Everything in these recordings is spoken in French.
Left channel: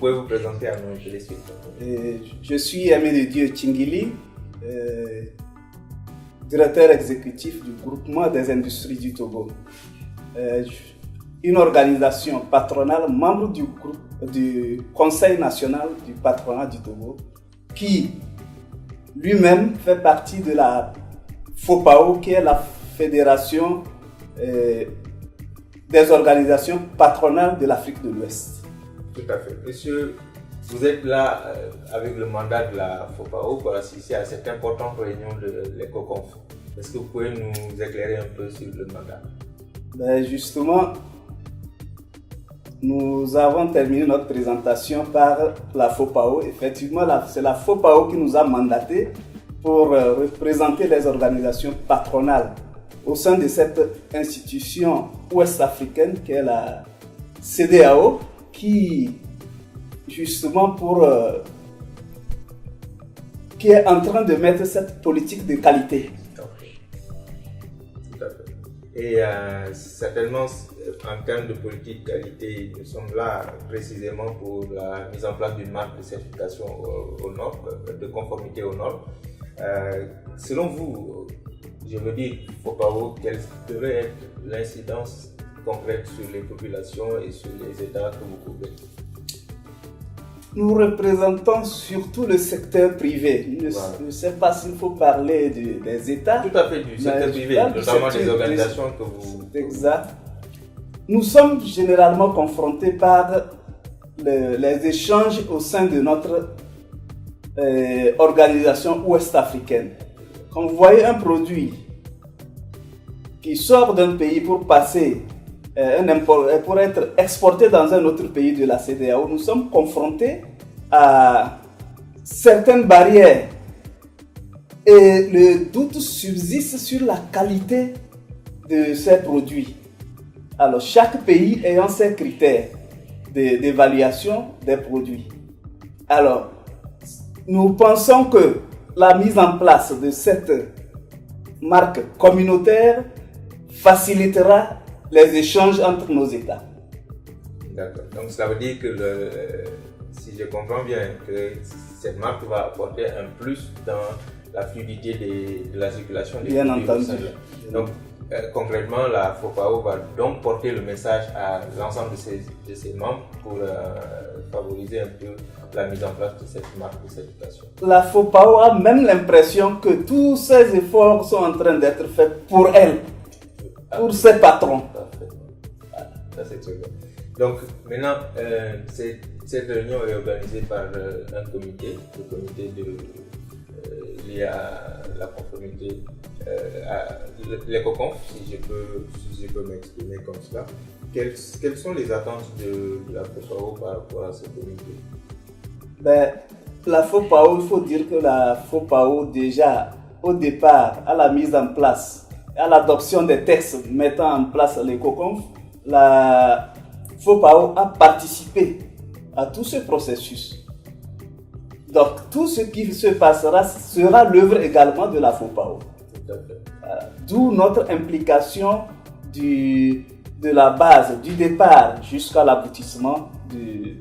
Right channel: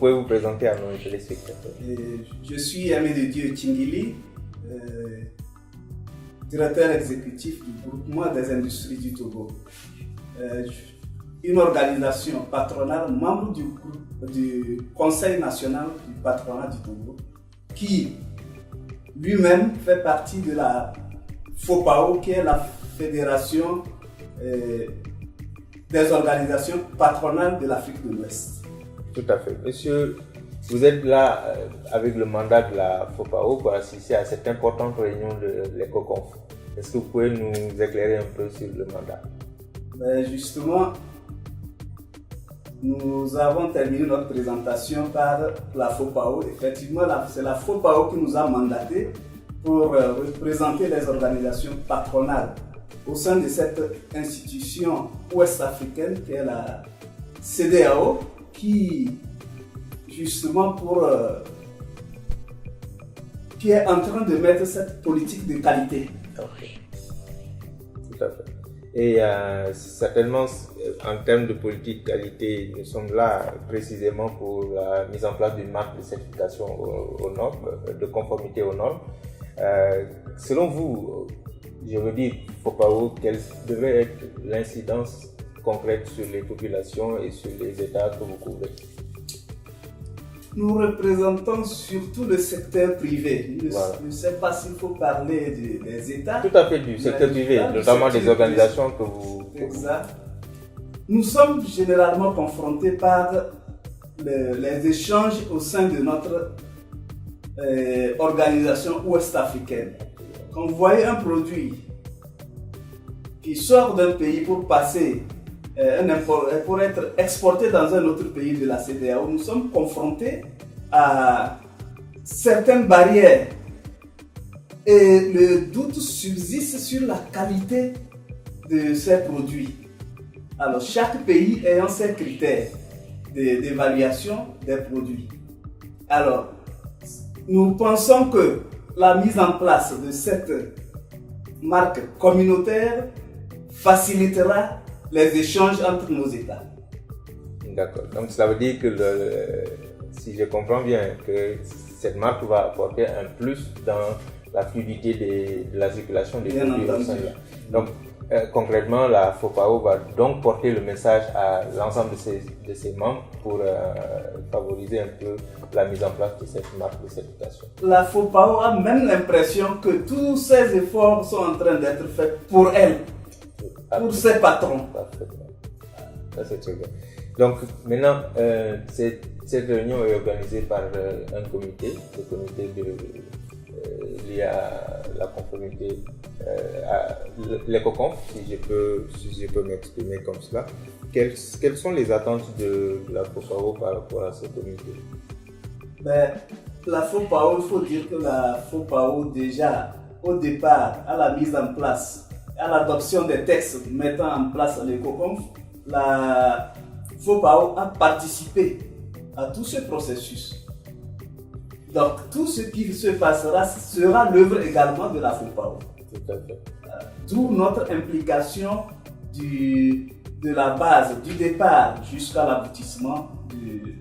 pouvez vous présenter à nos téléspectateurs. Je suis Aimé de Dieu Tchingili, directeur exécutif du groupement des industries du Togo. Une organisation patronale, membre du Conseil national du patronat du Togo, qui lui-même fait partie de la FOPAO, qui est la Fédération des organisations patronales de l'Afrique de l'Ouest. Tout à fait. Monsieur, vous êtes là avec le mandat de la FOPAO pour assister à cette importante réunion de l'ECOCONF. Est-ce que vous pouvez nous éclairer un peu sur le mandat? Justement, nous avons terminé notre présentation par la FOPAO. Effectivement, c'est la FOPAO qui nous a mandatés pour représenter les organisations patronales au sein de cette institution ouest-africaine qui est la CEDEAO, qui justement qui est en train de mettre cette politique de qualité. Ok, tout à fait. Et certainement, en termes de politique de qualité, nous sommes là précisément pour la mise en place d'une marque de certification aux normes, de conformité aux normes. Selon vous, je veux dire, FOPAO, quelle devrait être l'incidence concrète sur les populations et sur les États que vous couvrez? Nous représentons surtout le secteur privé. Je ne sais pas s'il faut parler des États. Tout à fait, du secteur privé, notamment des organisations que vous... Exact. Nous sommes généralement confrontés par les échanges au sein de notre organisation ouest-africaine. Quand vous voyez un produit qui sort d'un pays pour passer pour être exporté dans un autre pays de la CEDEAO, nous sommes confrontés à certaines barrières et le doute subsiste sur la qualité de ces produits. Alors, chaque pays ayant ses critères d'évaluation des produits. Alors, nous pensons que la mise en place de cette marque communautaire facilitera les échanges entre nos États. D'accord. Donc ça veut dire que, si je comprends bien, que cette marque va apporter un plus dans la fluidité de la circulation des produits au sein. Donc concrètement, la FOPAO va donc porter le message à l'ensemble de ses membres pour favoriser un peu la mise en place de cette marque de certification. La FOPAO a même l'impression que tous ces efforts sont en train d'être faits pour elle, pour ses patrons. Parfaitement. Ça c'est très bien. Donc maintenant, cette réunion est organisée par un comité, le comité lié à la conformité, à l'ECOCONF, si je peux m'exprimer comme cela. Quelles sont les attentes de la FOPAO par rapport à ce comité? La FOPAO, il faut dire que la FOPAO, déjà au départ, à la mise en place, à l'adoption des textes mettant en place l'ECOCONF, la FOPAO a participé à tout ce processus. Donc, tout ce qui se passera sera l'œuvre également de la FOPAO. Tout à fait. D'où notre implication de la base, du départ jusqu'à l'aboutissement de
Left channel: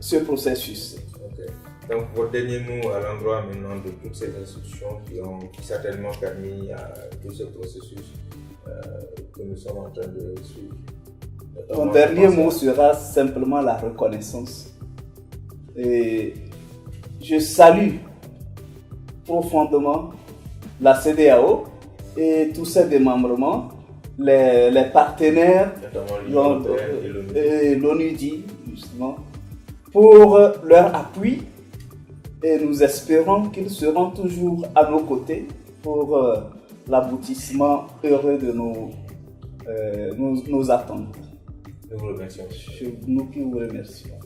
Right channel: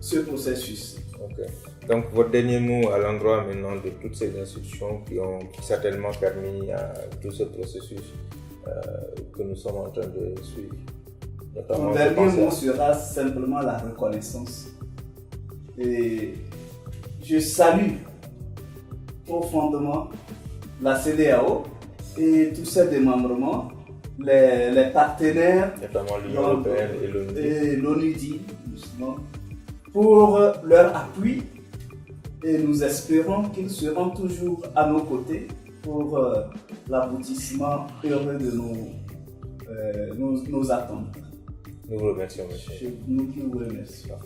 ce processus. Okay. Donc, votre dernier mot à l'endroit maintenant de toutes ces institutions qui ont certainement permis à tout ce processus que nous sommes en train de suivre. Mon dernier mot sera simplement la reconnaissance. Et je salue profondément la CEDEAO et tous ses démembrements, les partenaires, notamment l'Union européenne et l'ONUDI, justement, pour leur appui, et nous espérons qu'ils seront toujours à nos côtés pour l'aboutissement heureux de nos attentes. Nous vous remercions, monsieur. Nous qui vous remercions.